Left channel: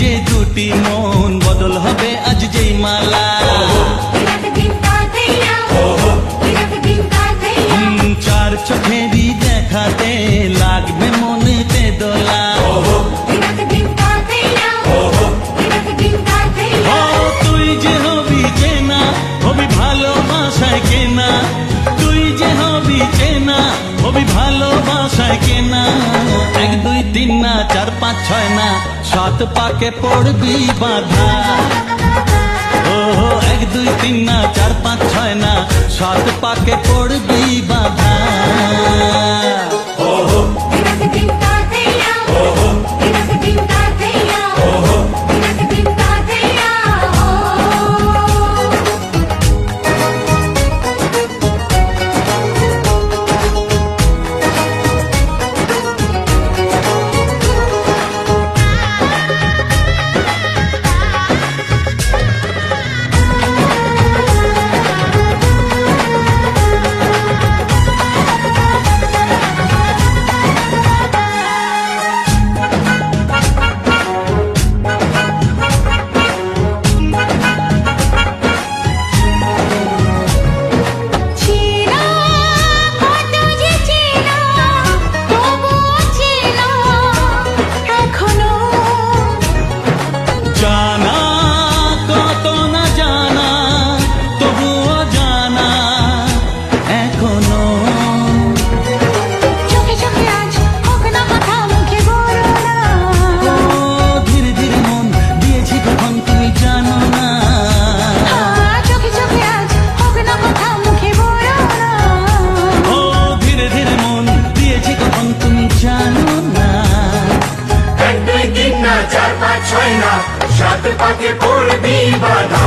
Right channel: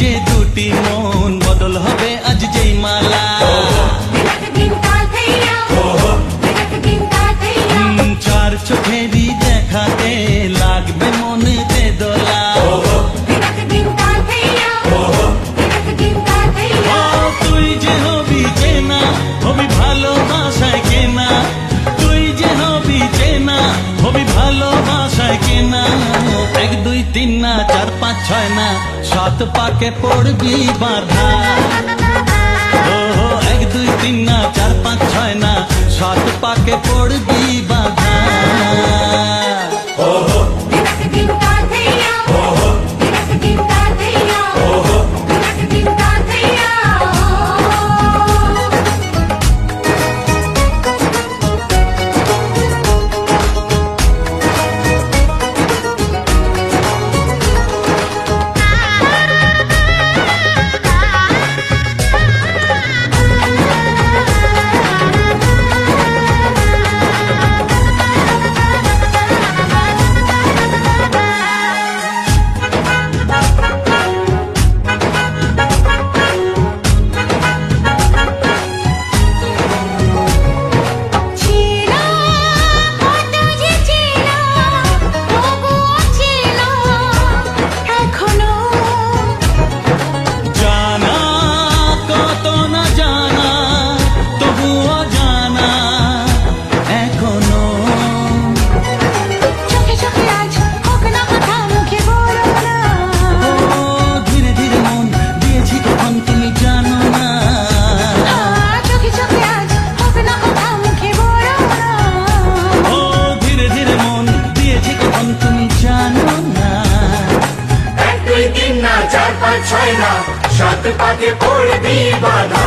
যে দুটি মন বদল হবে আজ যেই মালা, চার চোখেরই দেখাতে লাগবে মনেতে দোলা। ও তুই যে হবি চেনা, হবি ভালোবাসায় কেনা, তুই যে হবি চেনা, হবি ভালোবাসায় কেনা। 1 2 3 না 4 5 6 না 7 পাকে পড়বি বাধা। ও 1 2 3 না 4 5 6 না 7 পাকে পড়বি বাধা। জানা কত না জানা তবুও জানা এখনো, চোখে চোখে আজ হোক না কথা মুখে বলো না। ও ধীরে ধীরে মন দিয়েছি কখন তুমি জানো না। চোখে চোখে আজ হোক না কথা মুখে বলো না। ও ধীরে ধীরে মন দিয়েছি কখন তুমি জানো না। 1 2 3 না 4 5 6 না 7 পাকে পড়বি বাধা।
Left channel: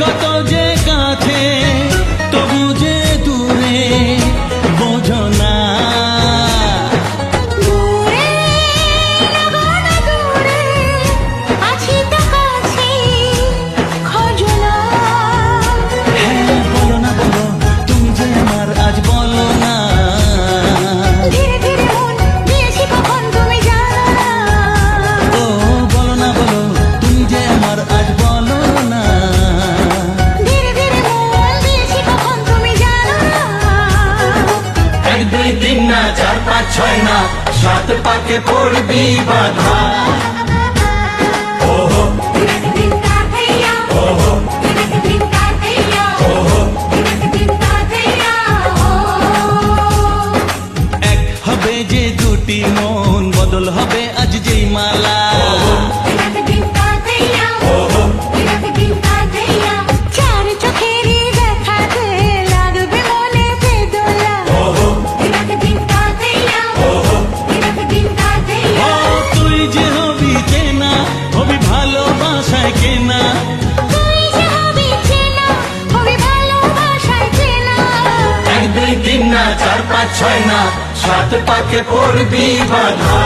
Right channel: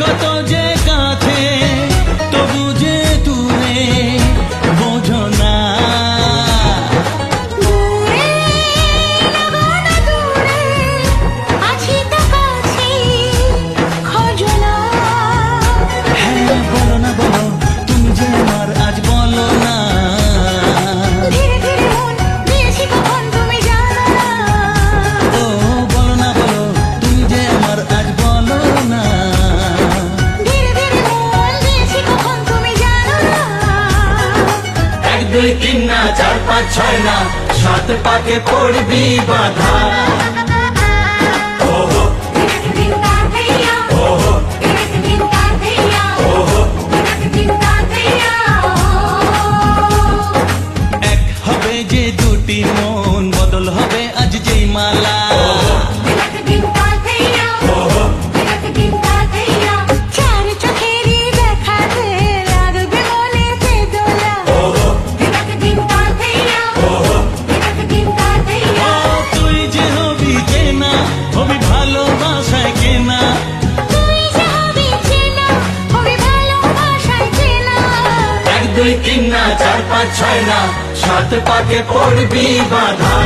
কত যে কাছে তবু যে দূরে বোঝো না। দূরে লাগো না দূরে আছি তো কাছে খোঁজো না। হ্যাঁ বলো না বলো তুমি যে আমার আজ বলো না। ধীরে ধীরে মন দিয়েছি কখন তুমি জানো না। ও বলো না বলো তুমি যে আমার আজ বলো না। ধীরে ধীরে মন দিয়েছি কখন তুমি জানো না। 1 2 3 না 4 5 6 না 7 পাকে পড়বি বাধা। এক হবে যে দুটি মন বদল হবে আজ যেই মালা, চার চোখেরই দেখাতে লাগবে মনেতে দোলা। ও তুই যে হবি চেনা, হবি ভালোবাসায় কেনা, তুই যে হবি চেনা, হবি ভালোবাসায় চেনা। 1 2 3 না 4 5 6 না 7 পাকে পড়বি বাধা।